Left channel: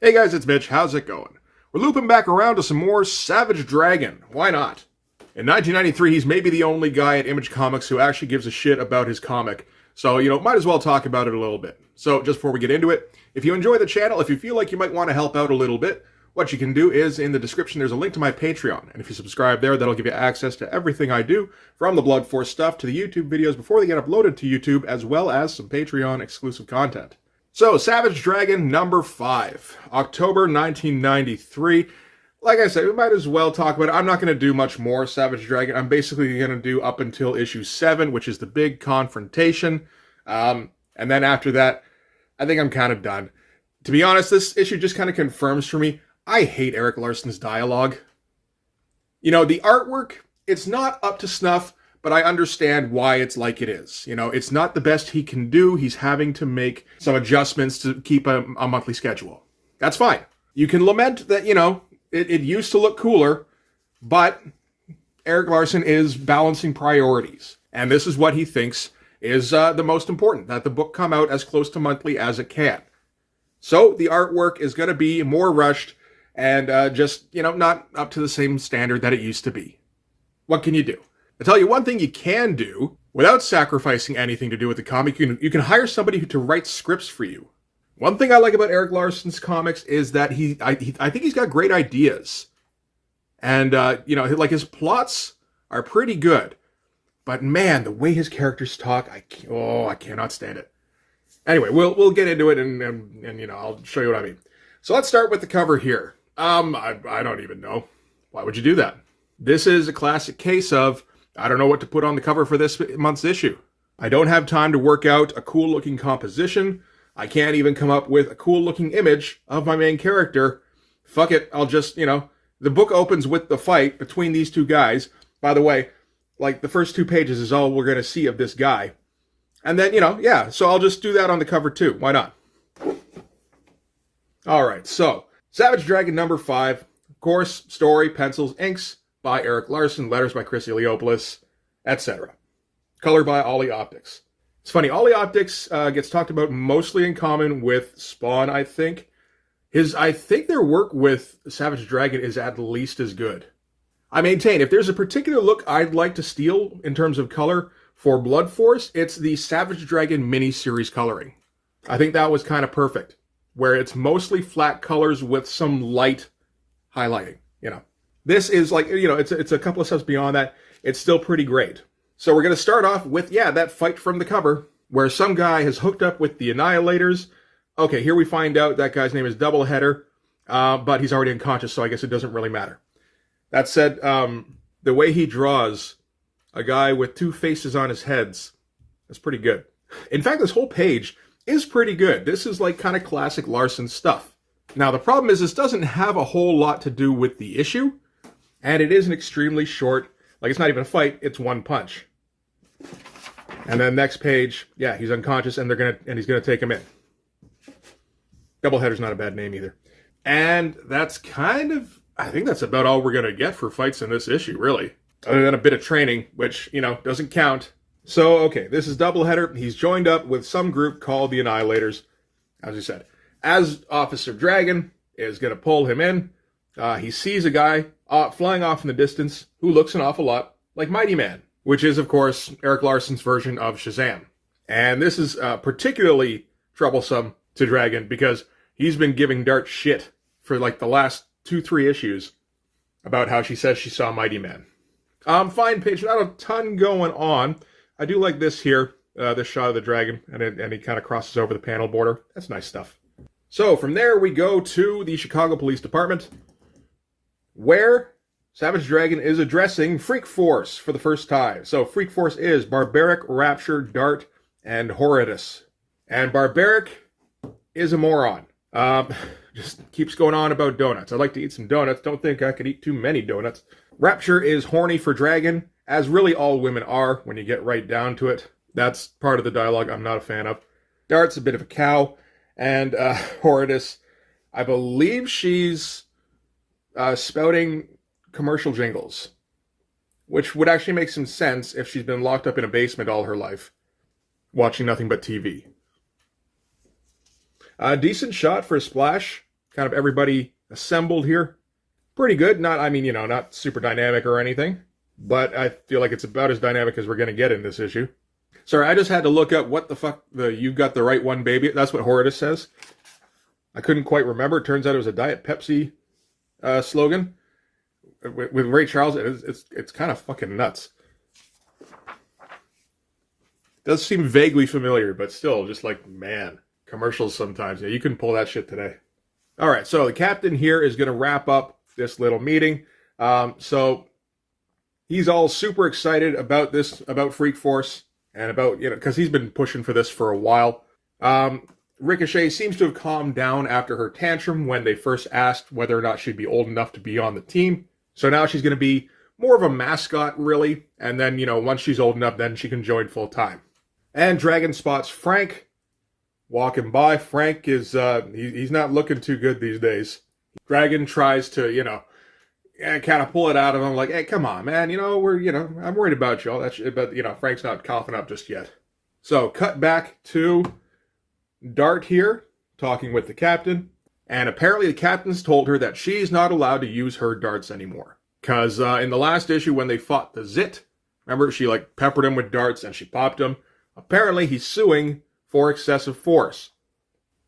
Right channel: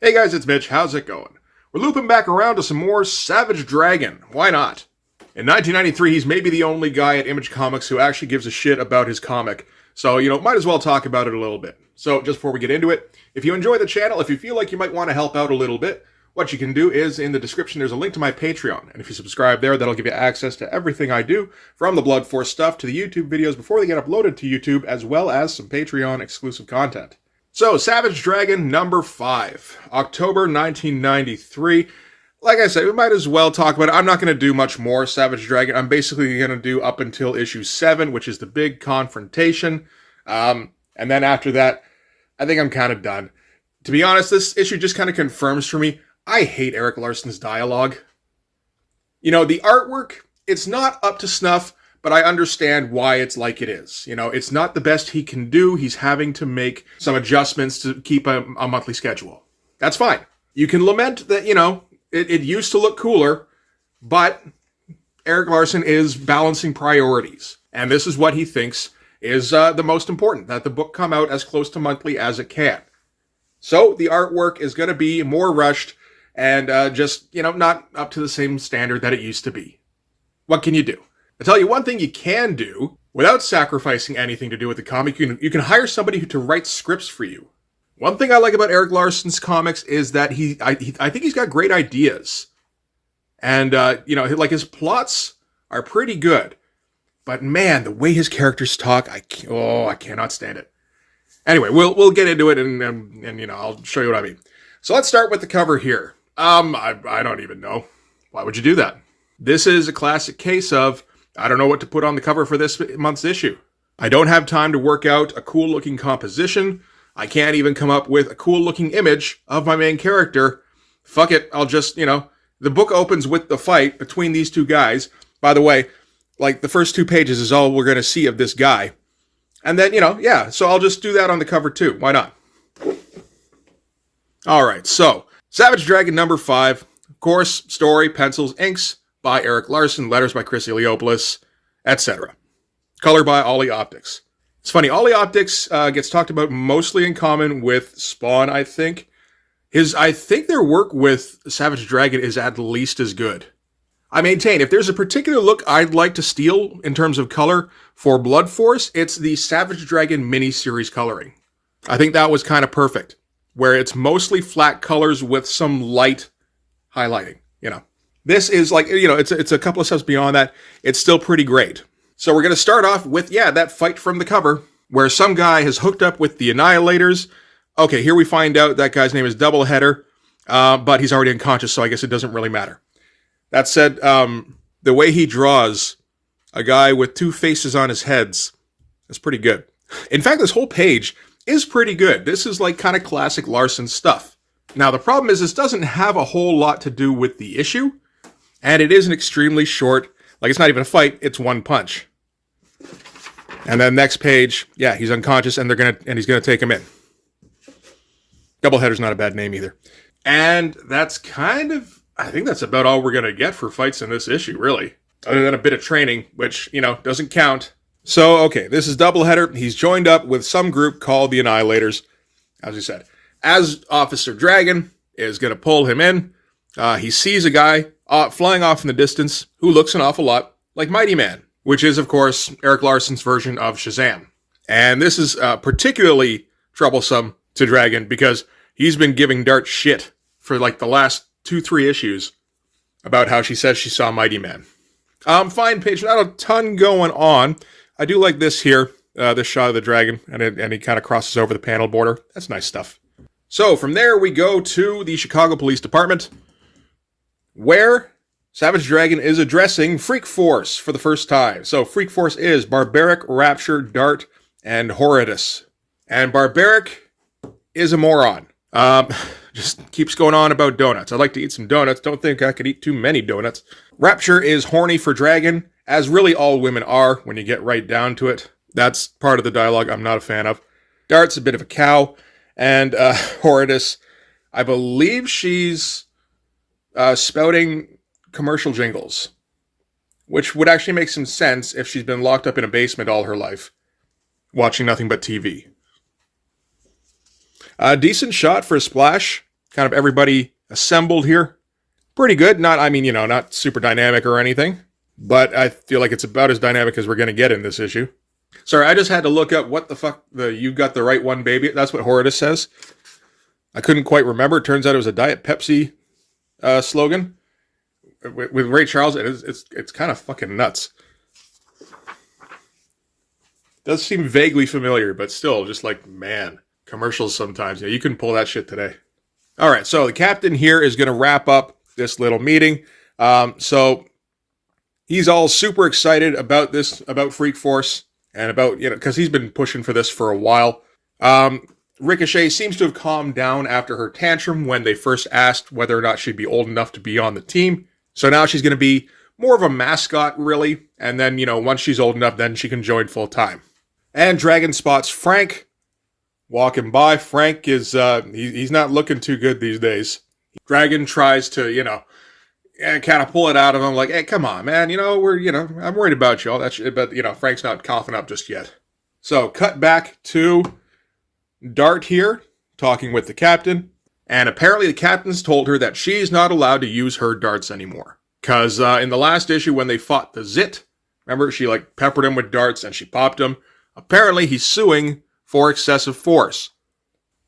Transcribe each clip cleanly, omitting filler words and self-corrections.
Hey guys, it's Mitch. How's it going? We're looping back around to some more Savage Dragon. Why not? In 1993, he's maybe the only guy at Image Comics who actually gives a shit about his comic. So, might as well talk about it a little bit. So, just before we get into it, if you enjoy the channel, if you feel like you might want to help out a little bit, what you can do is, in the description, there's a link to my Patreon. And if you subscribe there, that'll give you access to everything I do, from the Blood Force stuff to the YouTube videos before they get uploaded to YouTube, as well as some Patreon exclusive content. So, Savage Dragon number 5, October 1993. Like I said, we might as well talk about it. I'm not going to do much more Savage Dragon. I'm basically going to do up until issue 7, which is the big confrontation. And then after that, I think I'm kind of done. To be honest, this issue just kind of confirms for me, I hate Erik Larsen's dialogue. The artwork, it's not up to snuff, but I understand why it's like it is. It's not the best he can do. He's having to make some adjustments to keep a monthly schedule. That's fine. You can lament that, it used to look cooler, but Erik Larsen is balancing priorities. And this is what he thinks is the most important, that the book come out as close to monthly as it can. So the artwork is going to be more rushed and just, not up to the same standard that it used to be. What can you do? I'll tell you one thing you can do, without sacrificing anything to do with the comic, you can hire somebody to write scripts for you. One thing I like about Erik Larsen's comics is that I think he's got great ideas. And, like his plots are pretty good. But man, the way his characters talk, I cannot stand it. Anyway, we'll get into it and I'll show you what I mean. So let's start with the cover here. I don't even know. Why would you do that? This is a classic case of, I don't know what to put on the cover for this month's issue. I don't have time to work out a cool-looking composition. I can't even come up with a cool-looking image of my main character. Fuck it, I'll just, the book opens with the fight between these two guys. By the way, like, the first 2 pages is all we're going to see of this guy. And then, so I'll just do that on the cover too. Why not? Alright, so, Savage Dragon number 5. Of course, story, pencils, inks by Erik Larsen, letters by Chris Eliopoulos, etc. Color by Ollie Optics. It's funny, Ollie Optics gets talked about mostly in common with Spawn, I think. I think their work with Savage Dragon is at least as good. I maintain, if there's a particular look I'd like to steal in terms of color for Blood Force, it's the Savage Dragon miniseries coloring. I think that was kind of perfect, where it's mostly flat colors with some light highlighting, This is like, it's a couple of steps beyond that. It's still pretty great. So we're going to start off with, that fight from the cover, where some guy has hooked up with the Annihilators. Okay, here we find out that guy's name is Doubleheader, but he's already unconscious, so I guess it doesn't really matter. That said, the way he draws a guy with 2 faces on his heads is pretty good. In fact, this whole page is pretty good. This is like kind of classic Larsen stuff. Now, the problem is this doesn't have a whole lot to do with the issue, and it is an extremely short, like it's not even a fight, it's one punch. And then next page, he's unconscious and he's gonna take him in. Doubleheader's not a bad name either. And that's I think that's about all we're gonna get for fights in this issue, really. Other than a bit of training, which, doesn't count. So, okay, this is Doubleheader. He's joined up with some group called the Annihilators, as we said. As Officer Dragon is gonna pull him in, he sees a guy flying off in the distance who looks an awful lot like Mighty Man, which is, of course, Erik Larsen's version of Shazam. And this is particularly troublesome to Dragon because he's been giving Dart shit for like the last 2-3 issues about how she says she saw Mighty Man. Fine page, not a ton going on. I do like this here, this shot of the dragon, and he kind of crosses over the panel border. That's nice stuff. So from there we go to the Chicago Police Department, where Savage Dragon is addressing Freak Force for the first time. So Freak Force is Barbaric, Rapture, Dart, and Horridus. And Barbaric is a moron. Just keeps going on about donuts. I'd like to eat some donuts. Don't think I could eat too many donuts. Rapture is horny for Dragon, as really all women are when you get right down to it. That's part of the dialogue I'm not a fan of. Dart's a bit of a cow. And Horridus, I believe she's spouting commercial jingles, which would actually make some sense if she's been locked up in a basement all her life, watching nothing but TV. A decent shot for a splash. kind of everybody assembled here. Pretty good. Not super dynamic or anything, but I feel like it's about as dynamic as we're going to get in this issue. Sorry, I just had to look up what the fuck "You've Got the Right One, Baby." That's what Horridus says. I couldn't quite remember. It turns out it was a Diet Pepsi slogan with Ray Charles. It's kind of fucking nuts. Does seem vaguely familiar, but still, just like, man, commercials sometimes. You couldn't pull that shit today. All right, so the captain here is going to wrap up this little meeting. So he's all super excited about this, about Freak Force, and about, because he's been pushing for this for a while. Ricochet seems to have calmed down after her tantrum when they first asked whether or not she'd be old enough to be on the team. So now she's going to be more of a mascot, really. And then, once she's old enough, then she can join full time. And Dragon spots Frank walking by. Frank is, he's not looking too good these days. Dragon tries to, kind of pull it out of him, like, hey, come on, man, I'm worried about you, all that shit, but, Frank's not coughing up just yet. So, cut back to Dart here, talking with the captain, and apparently the captain's told her that she's not allowed to use her darts anymore. Because in the last issue, when they fought the Zit, remember, she, peppered him with darts, and she popped him. Apparently, he's suing for excessive force.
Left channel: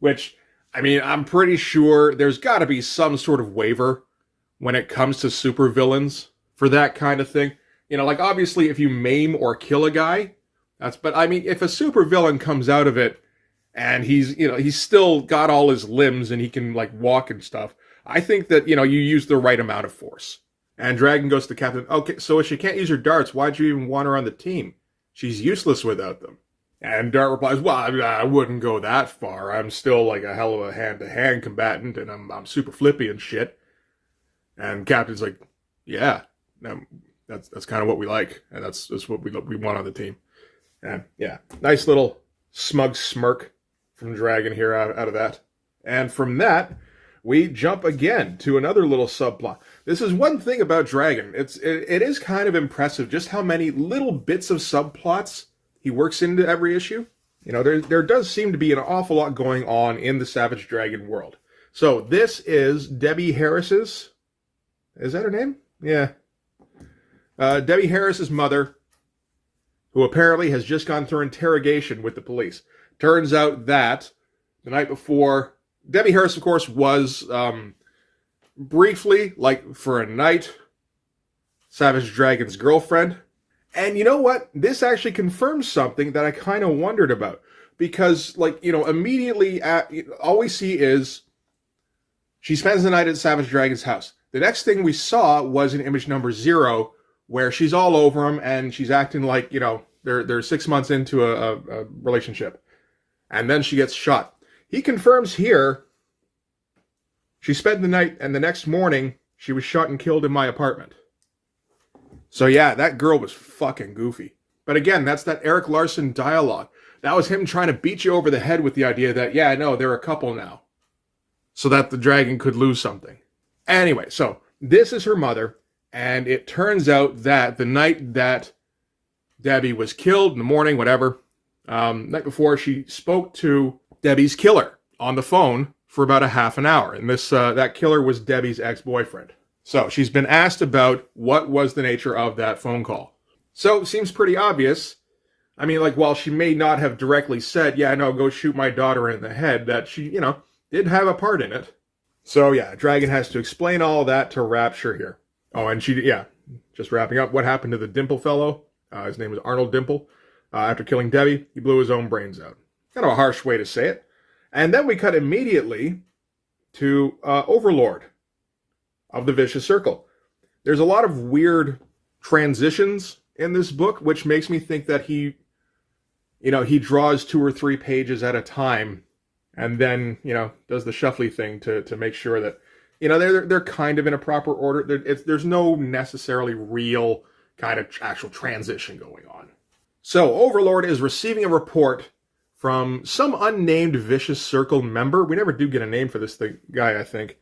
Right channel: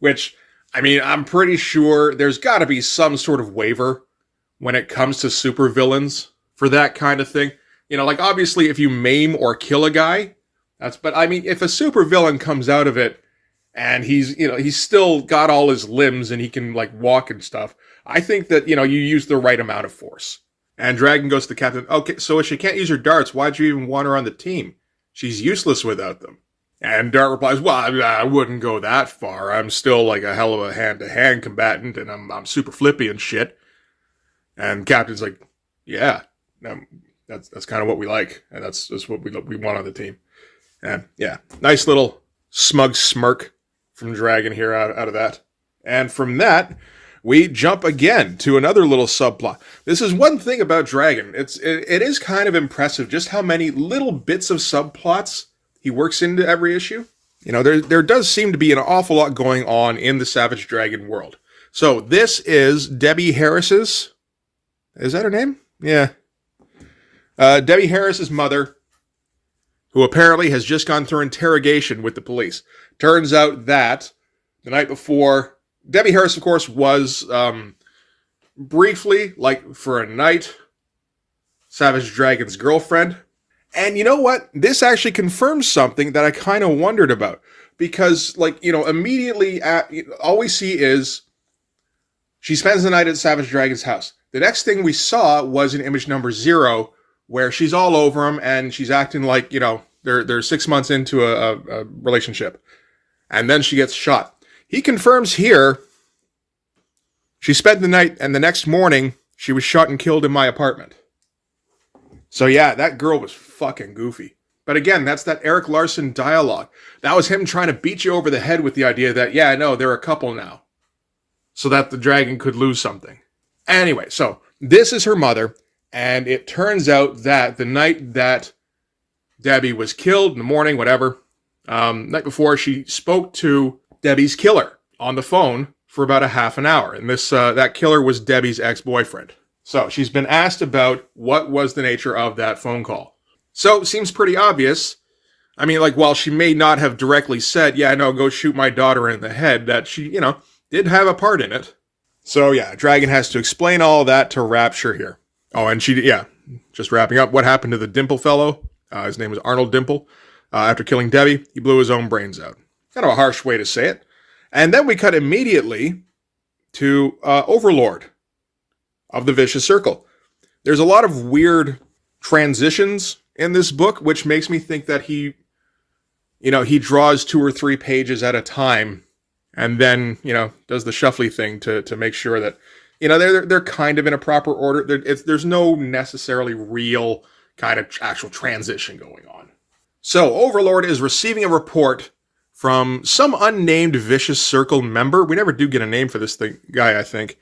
Which, I'm pretty sure there's got to be some sort of waiver when it comes to supervillains for that kind of thing. Obviously, if you maim or kill a guy, but if a supervillain comes out of it and he's still got all his limbs and he can, walk and stuff, I think that, you use the right amount of force. And Dragon goes to the captain, okay, so if she can't use her darts, why'd you even want her on the team? She's useless without them. And Dart replies, well, I wouldn't go that far. I'm still, a hell of a hand-to-hand combatant, and I'm super flippy and shit. And Captain's like, yeah, that's kind of what we like, and that's what we want on the team. And yeah, nice little smug smirk from Dragon here out of that. And from that, we jump again to another little subplot. This is one thing about Dragon. It is kind of impressive just how many little bits of subplots he works into every issue. There does seem to be an awful lot going on in the Savage Dragon world. So this is Debbie Harris's. Is that her name? Yeah. Debbie Harris's mother, who apparently has just gone through interrogation with the police. Turns out that the night before, Debbie Harris, of course, was briefly, for a night, Savage Dragon's girlfriend. And you know what? This actually confirms something that I kind of wondered about. Because, immediately, all we see is she spends the night at Savage Dragon's house. The next thing we saw was in image number 0, where she's all over him and she's acting like, they're 6 months into a relationship. And then she gets shot. He confirms here she spent the night and the next morning she was shot and killed in my apartment. So yeah, that girl was fucking goofy. But again, that's that Eric Larson dialogue. That was him trying to beat you over the head with the idea that, yeah, no, they're a couple now. So that the dragon could lose something. Anyway, so this is her mother, and it turns out that the night that Debbie was killed, in the morning, whatever, night before, she spoke to Debbie's killer on the phone for about a half an hour. And that killer was Debbie's ex-boyfriend. So she's been asked about what was the nature of that phone call. So it seems pretty obvious. While she may not have directly said, yeah, no, go shoot my daughter in the head, that she, did have a part in it. So yeah, Dragon has to explain all that to Rapture here. Oh, and just wrapping up, what happened to the Dimple fellow? His name was Arnold Dimple. After killing Debbie, he blew his own brains out. Kind of a harsh way to say it. And then we cut immediately to Overlord of the Vicious Circle. There's a lot of weird transitions in this book, which makes me think that he draws 2 or 3 pages at a time and then, does the shuffly thing to make sure that, they're kind of in a proper order. There's no necessarily real kind of actual transition going on. So Overlord is receiving a report from some unnamed Vicious Circle member. We never do get a name for this guy, I think.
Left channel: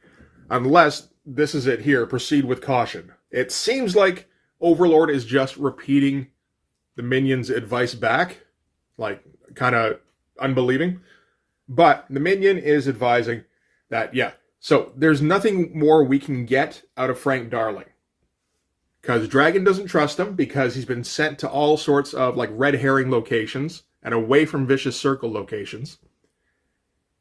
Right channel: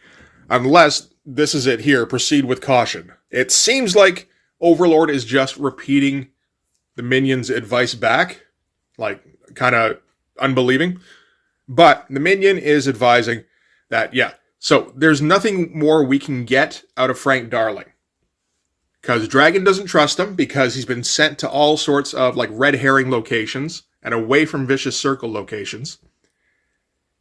Unless this is it here, proceed with caution. It seems like Overlord is just repeating the Minion's advice back, kind of unbelieving. But the Minion is advising that, yeah, So there's nothing more we can get out of Frank Darling. Because Dragon doesn't trust him because he's been sent to all sorts of like red herring locations and away from Vicious Circle locations.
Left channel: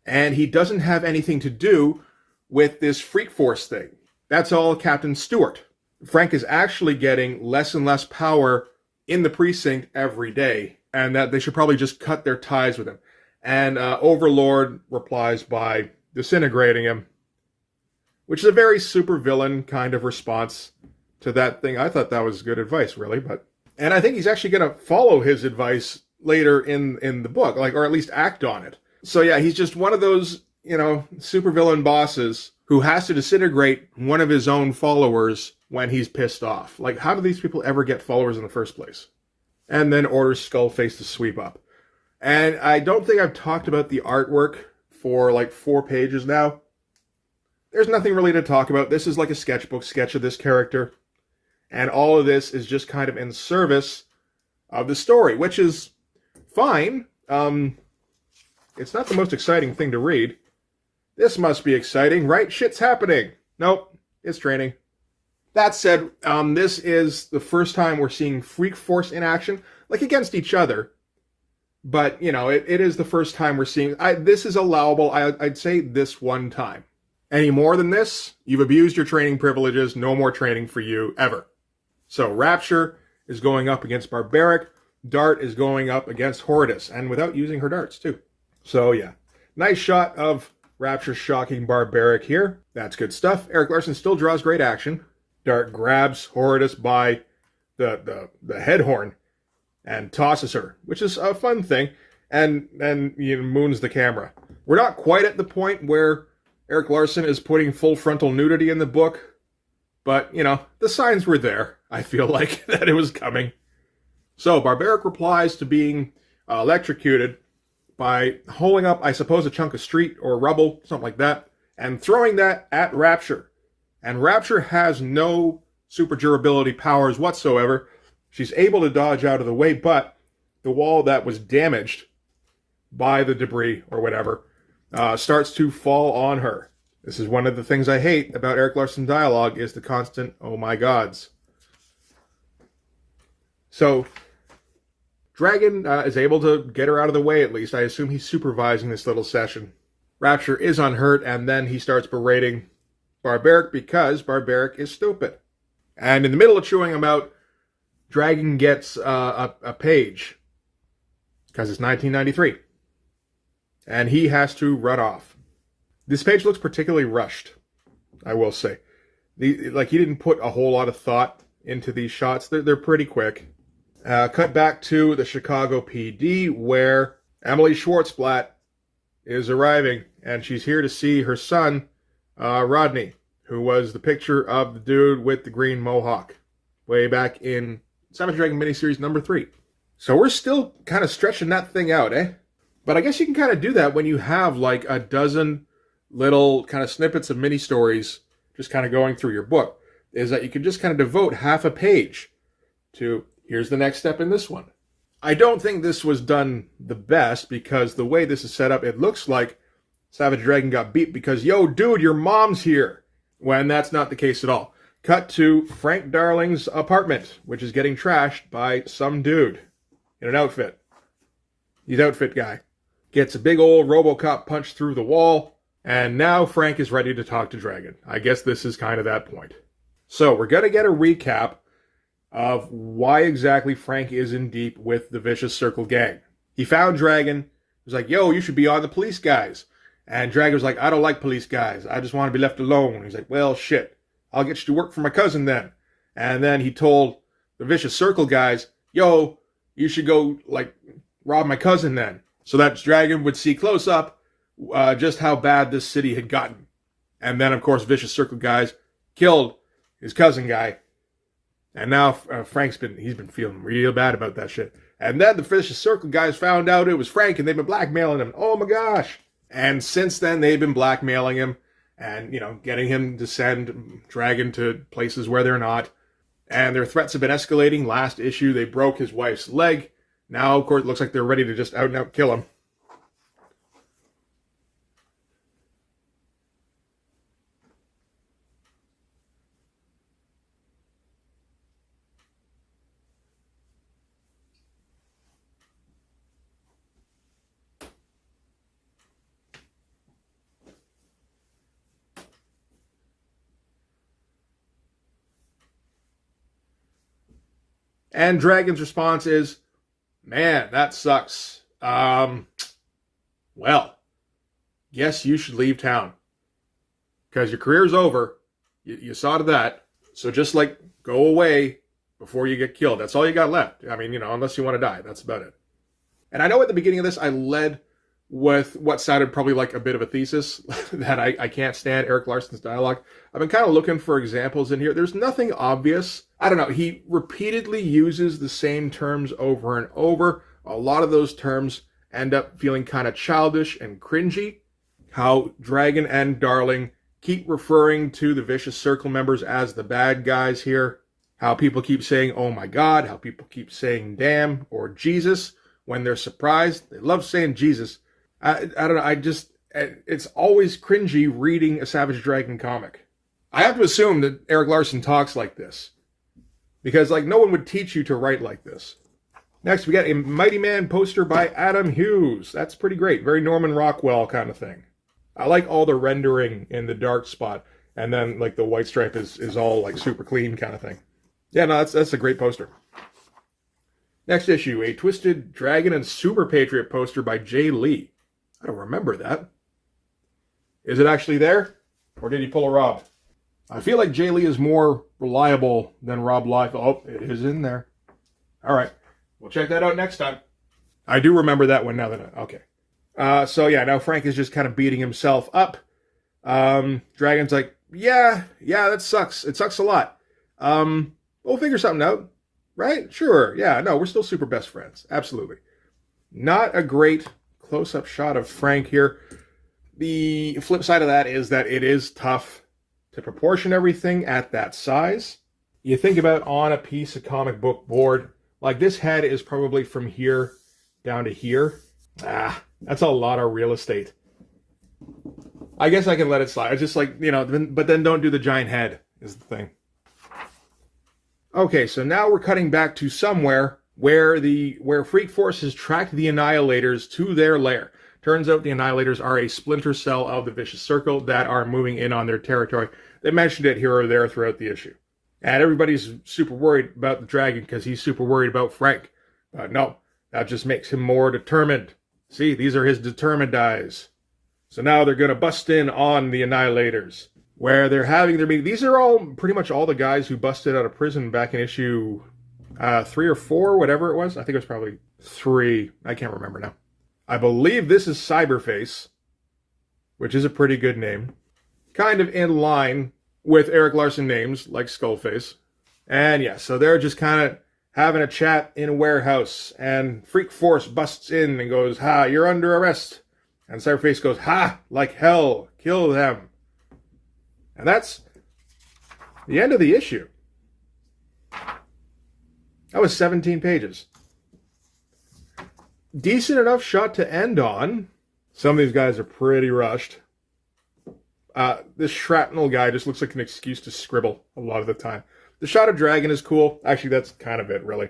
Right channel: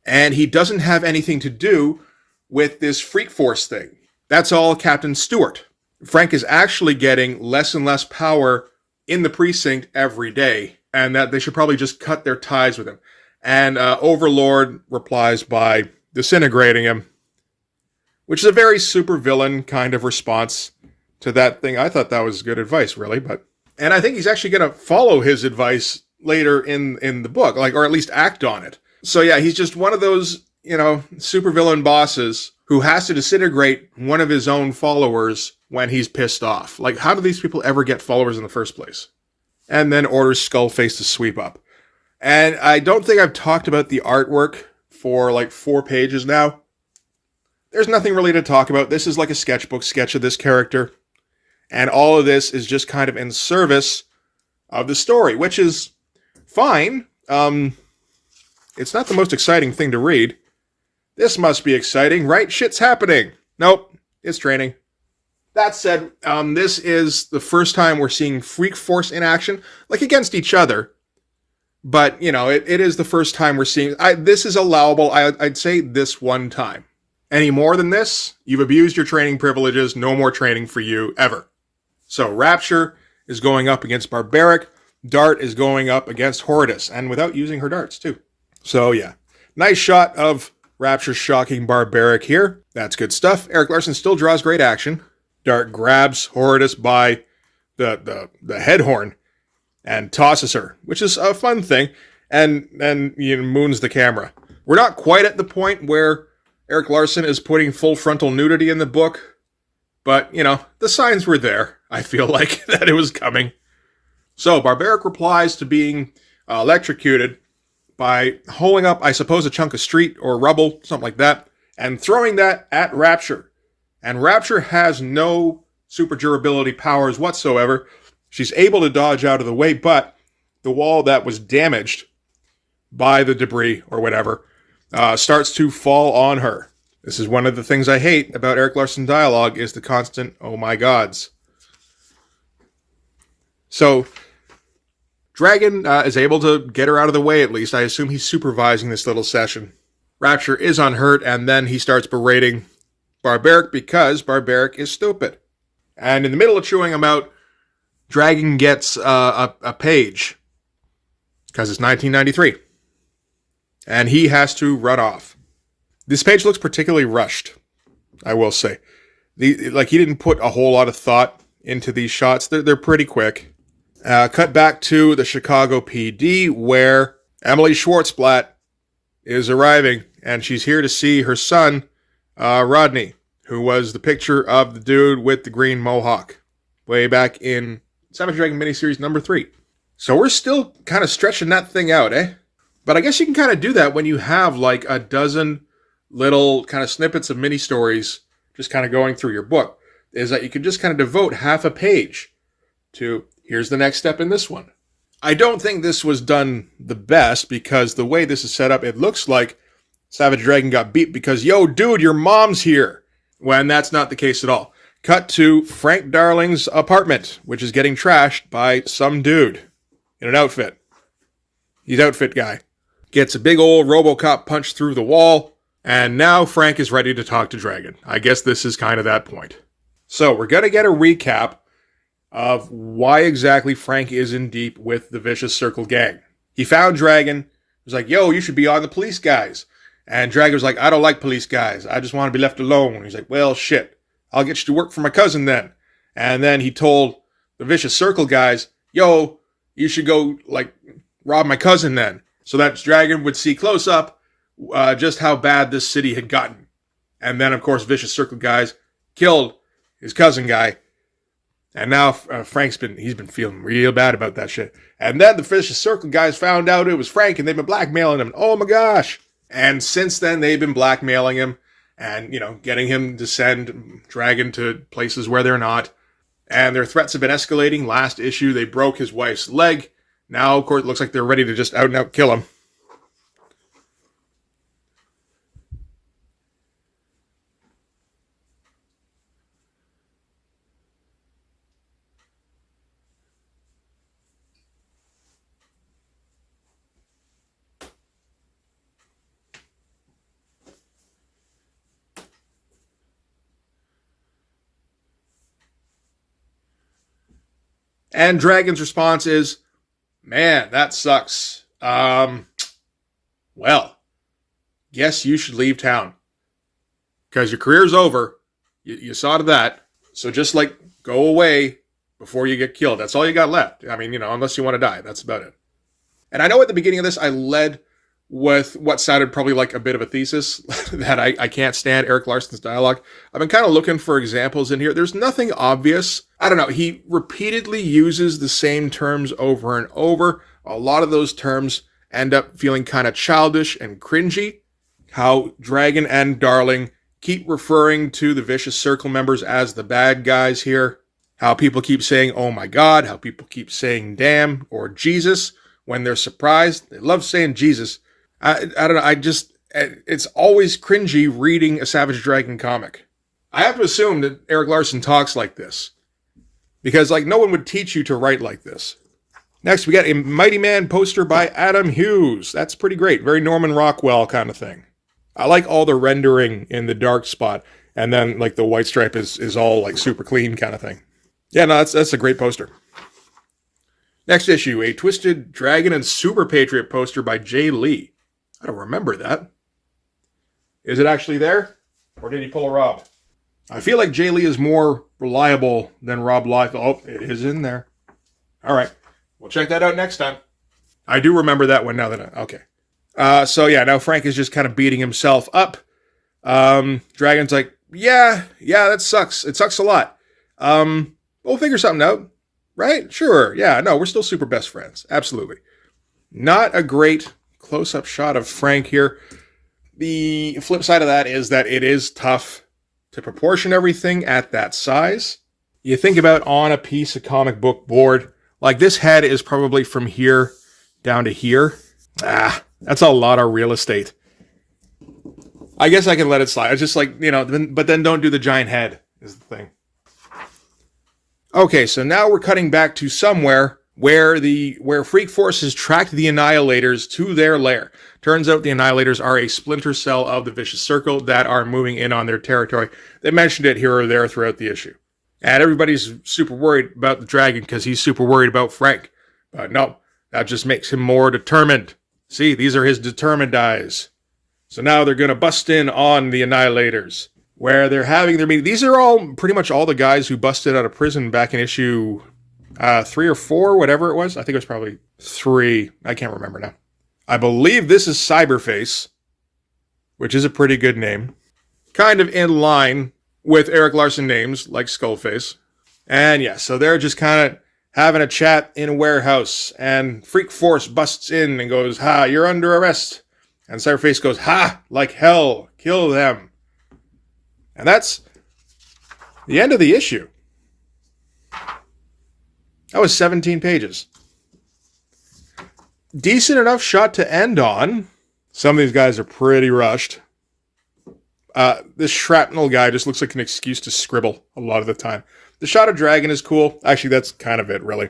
And he doesn't have anything to do with this Freak Force thing. That's all Captain Stewart. Frank is actually getting less and less power in the precinct every day, and that they should probably just cut their ties with him. And Overlord replies by disintegrating him, which is a very supervillain kind of response to that thing. I thought that was good advice, really, and I think he's actually going to follow his advice later in the book, or at least act on it. So yeah, he's just one of those, supervillain bosses who has to disintegrate one of his own followers when he's pissed off. Like, how do these people ever get followers in the first place? And then orders Skullface to sweep up. And I don't think I've talked about the artwork for like 4 pages now. There's nothing really to talk about. This is like a sketchbook sketch of this character. And all of this is just kind of in service of the story, which is fine. It's not the most exciting thing to read. This must be exciting, right? Shit's happening. Nope, it's training. That said, this is the first time we're seeing Freak Force in action, like against each other. But, it is the first time we're seeing... this is allowable, I'd say, this one time. Any more than this, you've abused your training privileges. No more training for you, ever. So, Rapture is going up against Barbaric. Dart is going up against Horridus, and without using her darts, too. So, yeah. Nice shot of Rapture shocking Barbaric here. That's good stuff. Erik Larsen still draws great action. Dart grabs Horridus by the head horn and tosses her, which is a fun thing, and moons the camera. We're not quite at the point where Erik Larsen is putting full frontal nudity in the book, but, the signs were there, I feel like, that it was coming. So, Barbaric replies to being electrocuted by holding up, I suppose, a chunk of street or rubble, something like that, and throwing that at Rapture. And Rapture has no super durability powers whatsoever. She's able to dodge out of the way, but the wall that was damaged by the debris or whatever starts to fall on her. This is one of the things I hate about Erik Larsen dialogue is the constant, oh my gods. So, Dragon is able to get her out of the way at least. I assume he's supervising this little session. Rapture is unhurt, and then he starts berating Barbaric because Barbaric is stupid. And in the middle of chewing him out, Dragon gets a page, because it's 1993. And he has to run off. This page looks particularly rushed, I will say. He didn't put a whole lot of thought into these shots. They're pretty quick. Cut back to the Chicago PD, where Emily Schwartzblatt is arriving, and she's here to see her son, Rodney, who was the picture of the dude with the green mohawk way back in Savage Dragon miniseries number 3. So we're still kind of stretching that thing out, eh? But I guess you can kind of do that when you have like a dozen little kind of snippets of mini stories just kind of going through your book, is that you could just kind of devote half a page to here's the next step in this one. I don't think this was done the best because the way this is set up, it looks like Savage Dragon got beat because, yo, dude, your mom's here. When that's not the case at all. Cut to Frank Darling's apartment, which is getting trashed by some dude in an outfit. He's outfit guy. Gets a big old RoboCop punch through the wall, and now Frank is ready to talk to Dragon. I guess this is kind of that point. So we're going to get a recap of why exactly Frank is in deep with the Vicious Circle gang. He found Dragon, was like, yo, you should be on the police guys. And Dragon was like, I don't like police guys. I just want to be left alone. He's like, well, shit. I'll get you to work for my cousin then. And then he told the Vicious Circle guys, yo, you should go, rob my cousin then. So that Dragon would see close up just how bad this city had gotten. And then, of course, Vicious Circle guys killed his cousin guy. And now Frank's been feeling real bad about that shit. And then the Vicious Circle guys found out it was Frank, and they've been blackmailing him. Oh my gosh. And since then, they've been blackmailing him and, getting him to send Dragon to places where they're not. And their threats have been escalating. Last issue, they broke his wife's leg. Now, of course, it looks like they're ready to just out and out kill him. And Dragon's response is, man, that sucks. Well, guess you should leave town. Because your career's over. You saw to that. So just like go away before you get killed. That's all you got left. I mean, unless you want to die. That's about it. And I know at the beginning of this, I led with what sounded probably like a bit of a thesis that I can't stand Erik Larsen's dialogue. I've been kind of looking for examples in here. There's nothing obvious. I don't know. He repeatedly uses the same terms over and over. A lot of those terms end up feeling kind of childish and cringy. How Dragon and Darling keep referring to the Vicious Circle members as the bad guys here. How people keep saying, oh my God. How people keep saying damn or Jesus when they're surprised. They love saying Jesus. I don't know. It's always cringy reading a Savage Dragon comic. I have to assume that Erik Larsen talks like this. Because, no one would teach you to write like this. Next, we got a Mighty Man poster by Adam Hughes. That's pretty great. Very Norman Rockwell kind of thing. I like all the rendering in the dark spot. And then, the white stripe is all, super clean kind of thing. Yeah, no, that's a great poster. Next issue, a Twisted Dragon and Super Patriot poster by Jay Lee. I don't remember that. Is it actually there? Or did he pull a Rob? I feel like Jay Lee is more reliable than Rob Liefeld. Oh, it is in there. All right. We'll check that out next time. I do remember that one now that okay. Now Frank is just kind of beating himself up. Dragon's like, yeah, that sucks. It sucks a lot. We'll figure something out. Right? Sure. Yeah, no, we're still super best friends. Absolutely. Not a great close-up shot of Frank here. The flip side of that is that it is tough to proportion everything at that size. You think about on a piece of comic book board, this head is probably from here down to here. That's a lot of real estate. I guess I can let it slide. It's just but then don't do the giant head is the thing. Okay, so now we're cutting back to somewhere where Freak Force has tracked the Annihilators to their lair. Turns out the Annihilators are a splinter cell of the Vicious Circle that are moving in on their territory. They mentioned it here or there throughout the issue. And everybody's super worried about the Dragon because he's super worried about Frank. But no, that just makes him more determined. See, these are his determined eyes. So now they're going to bust in on the Annihilators, where they're having their meeting. These are all pretty much all the guys who busted out of prison back in issue 3 or 4, whatever it was. I think it was probably 3. I can't remember now. I believe this is Cyberface, which is a pretty good name. Kind of in line with Erik Larsen names, like Skullface. And yeah, so they're just kind of having a chat in a warehouse. And Freak Force busts in and goes, ha, you're under arrest. And Cyberface goes, ha, like hell, kill them. And that's the end of the issue. That was 17 pages. Decent enough shot to end on. Some of these guys are pretty rushed. This shrapnel guy just looks like an excuse to scribble a lot of the time. The shot of Dragon is cool. Actually, that's kind of it, really.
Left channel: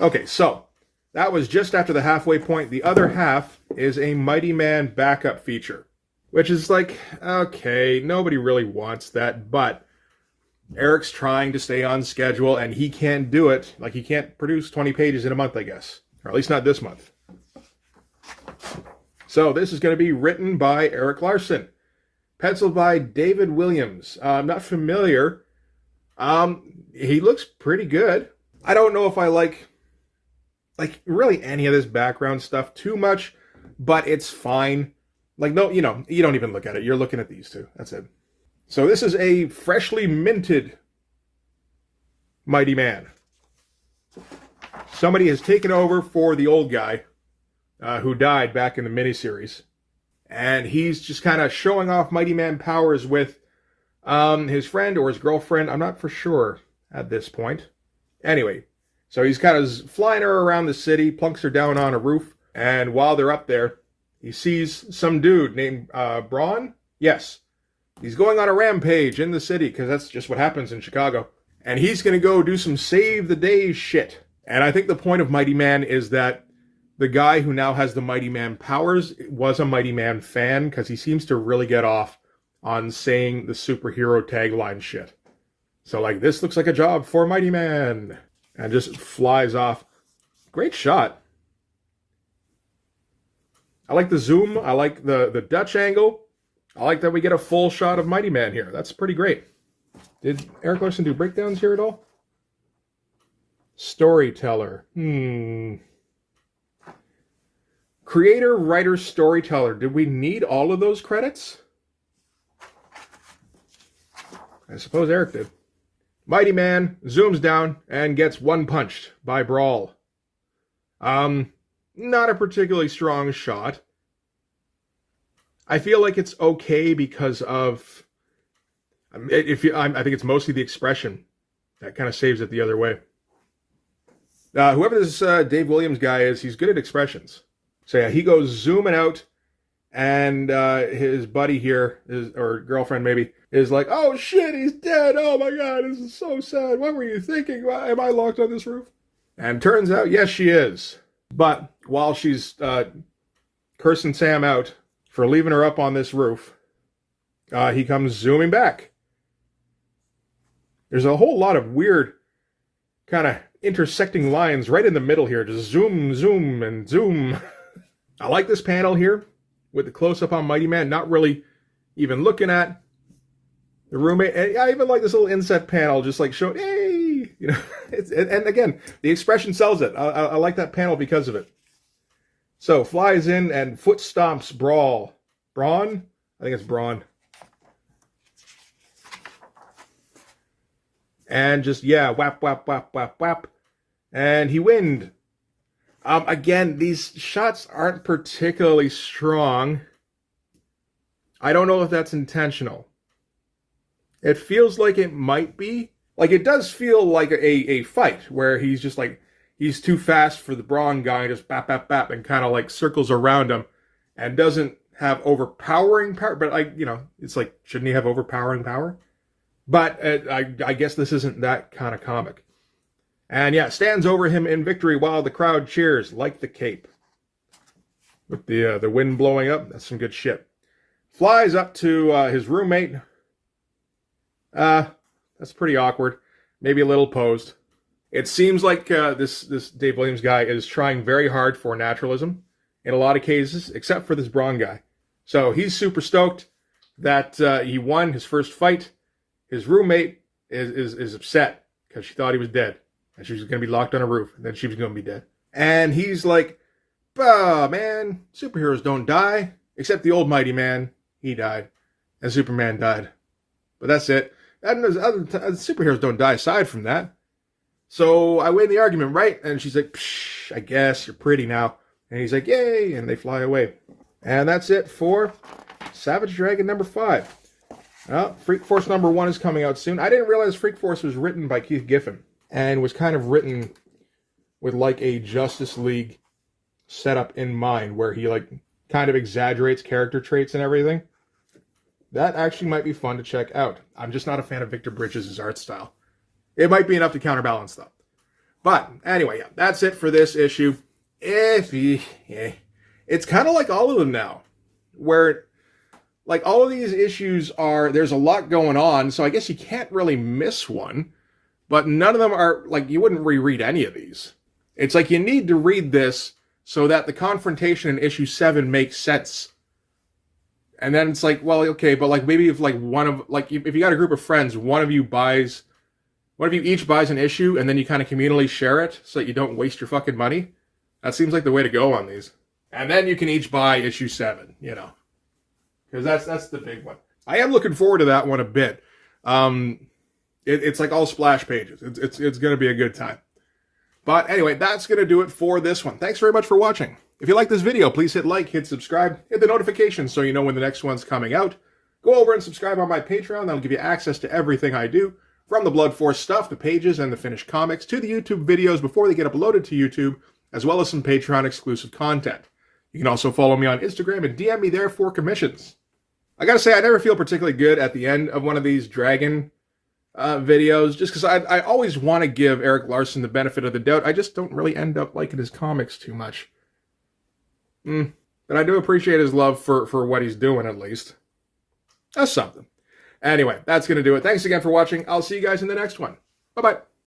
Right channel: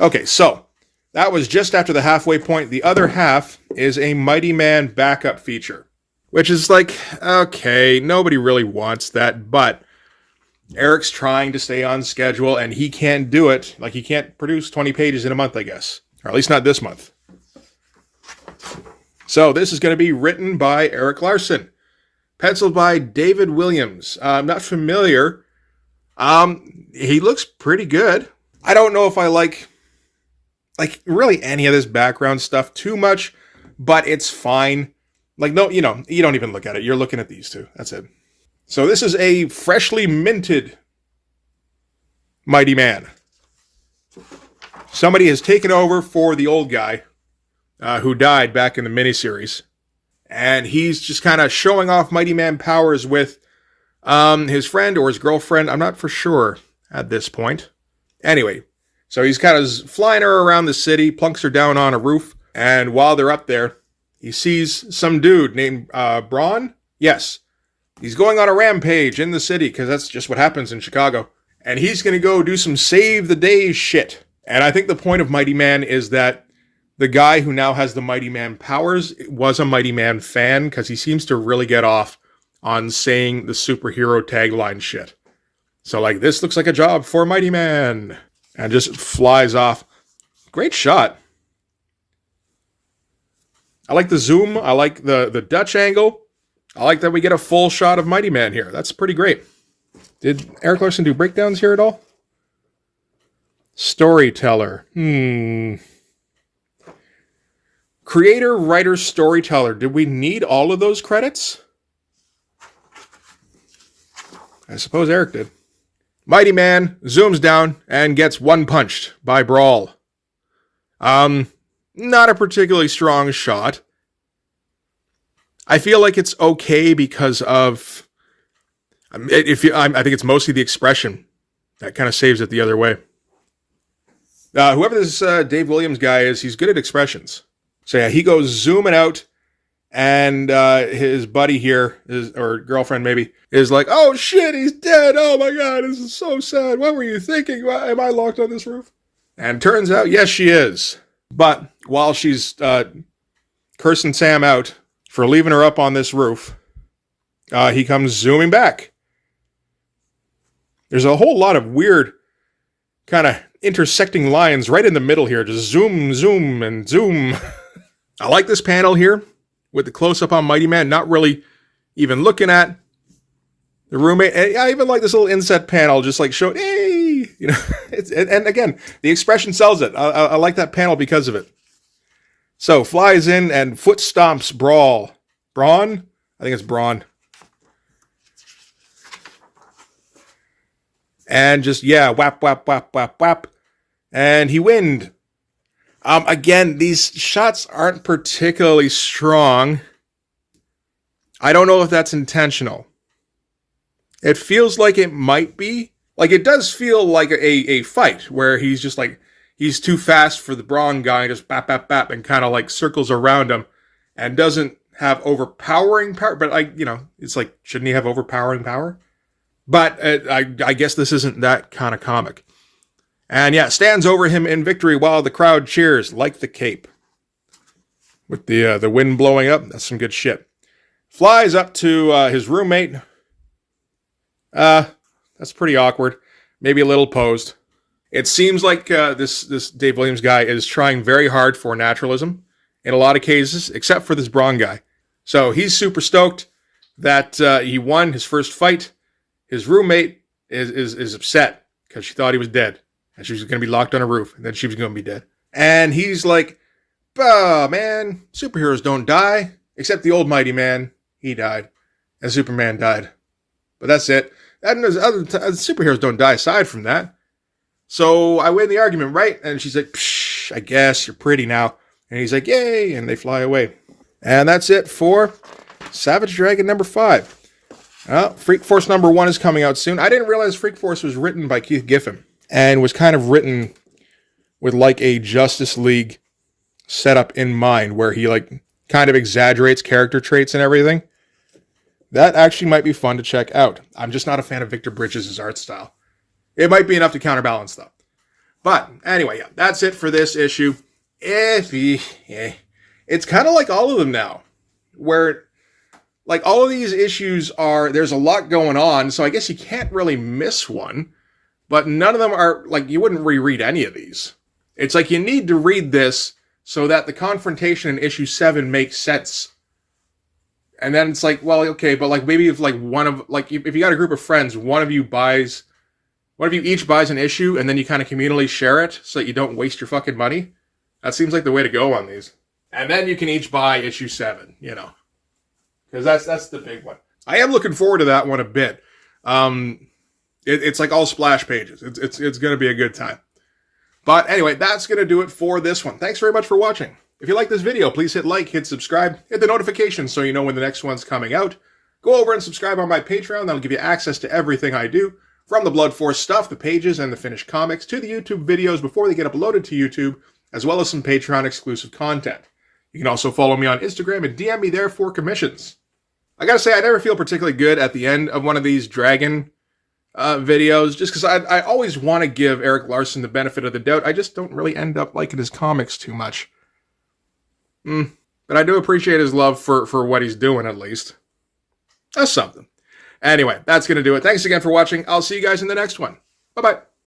Okay, so that was just after the halfway point. The other half is a Mighty Man backup feature, which is okay, nobody really wants that, but Erik's trying to stay on schedule, and he can't do it. He can't produce 20 pages in a month, I guess. Or at least not this month. So this is going to be written by Erik Larsen. Penciled by David Williams. I'm not familiar. He looks pretty good. I don't know if I like really any of this background stuff too much, but it's fine. No, you don't even look at it. You're looking at these two. That's it. So this is a freshly minted Mighty Man. Somebody has taken over for the old guy who died back in the miniseries. And he's just kind of showing off Mighty Man powers with his friend or his girlfriend. I'm not for sure at this point. Anyway, so he's kind of flying her around the city, plunks her down on a roof. And while they're up there, he sees some dude named Braun. Yes. He's going on a rampage in the city because that's just what happens in Chicago. And he's going to go do some save the day shit. And I think the point of Mighty Man is that the guy who now has the Mighty Man powers was a Mighty Man fan because he seems to really get off on saying the superhero tagline shit. So like this looks like a job for Mighty Man. And just flies off. Great shot. I like the zoom. I like the Dutch angle. I like that we get a full shot of Mighty Man here. That's pretty great. Did Erik Larsen do breakdowns here at all? Storyteller. Creator, writer, storyteller. Did we need all of those credits? I suppose Eric did. Mighty Man zooms down and gets one punched by Brawl. Not a particularly strong shot. I feel like it's okay because of... I think it's mostly the expression that kind of saves it the other way. Whoever this Dave Williams guy is, he's good at expressions. So yeah, he goes zooming out, and his buddy here, or girlfriend maybe, is like, oh shit, he's dead. Oh my god, this is so sad. What were you thinking? Am I locked on this roof? And turns out, yes, she is. But while she's cursing Sam out for leaving her up on this roof, he comes zooming back. There's a whole lot of weird kind of intersecting lines right in the middle here. Just zoom, zoom, and zoom. I like this panel here with the close-up on Mighty Man, not really even looking at the roommate. And I even like this little inset panel, just like showing, hey, you know. And again, the expression sells it. I like that panel because of it. So flies in and foot stomps Brawl. Braun? I think it's Braun. And just, yeah, whap, whap, whap, whap, whap. And he winned. Again, these shots aren't particularly strong. I don't know if that's intentional. It feels like it might be. Like, it does feel like a fight where he's just like, he's too fast for the Braun guy and just bap, bap, bap, and kind of like circles around him and doesn't have overpowering power. But it's like, shouldn't he have overpowering power? But I guess this isn't that kind of comic. And yeah, stands over him in victory while the crowd cheers like the Cape. With the wind blowing up, that's some good shit. Flies up to his roommate. That's pretty awkward. Maybe a little posed. It seems like this Dave Williams guy is trying very hard for naturalism in a lot of cases, except for this Braun guy. So he's super stoked that he won his first fight. His roommate is upset because she thought he was dead. And she was going to be locked on a roof. And then she was going to be dead. And he's like, oh, man, superheroes don't die. Except the old Mighty Man. He died. And Superman died. But that's it. And other superheroes don't die aside from that. So I win the argument, right? And she's like, psh, I guess you're pretty now. And he's like, yay. And they fly away. And that's it for Savage Dragon number 5. Freak Force number 1 is coming out soon. I didn't realize Freak Force was written by Keith Giffen and was kind of written with like a Justice League setup in mind where he like kind of exaggerates character traits and everything. That actually might be fun to check out. I'm just not a fan of Victor Bridges' art style. It might be enough to counterbalance though. But anyway, yeah, that's it for this issue. It's kind of like all of them now, where like all of these issues there's a lot going on, so I guess you can't really miss one, but none of them are, like, you wouldn't reread any of these. It's like you need to read this so that the confrontation in issue 7 makes sense. And then it's like, well, okay, but like maybe if like if you got a group of friends, one of you each buys an issue and then you kind of communally share it so that you don't waste your fucking money. That seems like the way to go on these. And then you can each buy issue 7, because that's the big one. I am looking forward to that one a bit. It's like all splash pages. It's going to be a good time. But anyway, that's going to do it for this one. Thanks very much for watching. If you like this video, please hit like, hit subscribe, hit the notifications so you know when the next one's coming out. Go over and subscribe on my Patreon. That'll give you access to everything I do, from the Blood Force stuff, the pages, and the finished comics, to the YouTube videos before they get uploaded to YouTube, as well as some Patreon exclusive content. You can also follow me on Instagram and DM me there for commissions. I gotta say, I never feel particularly good at the end of one of these Dragon videos, just because I always want to give Erik Larsen the benefit of the doubt. I just don't really end up liking his comics too much. But I do appreciate his love for what he's doing, at least. That's something. Anyway, that's going to do it. Thanks again for watching. I'll see you guys in the next one. Bye-bye.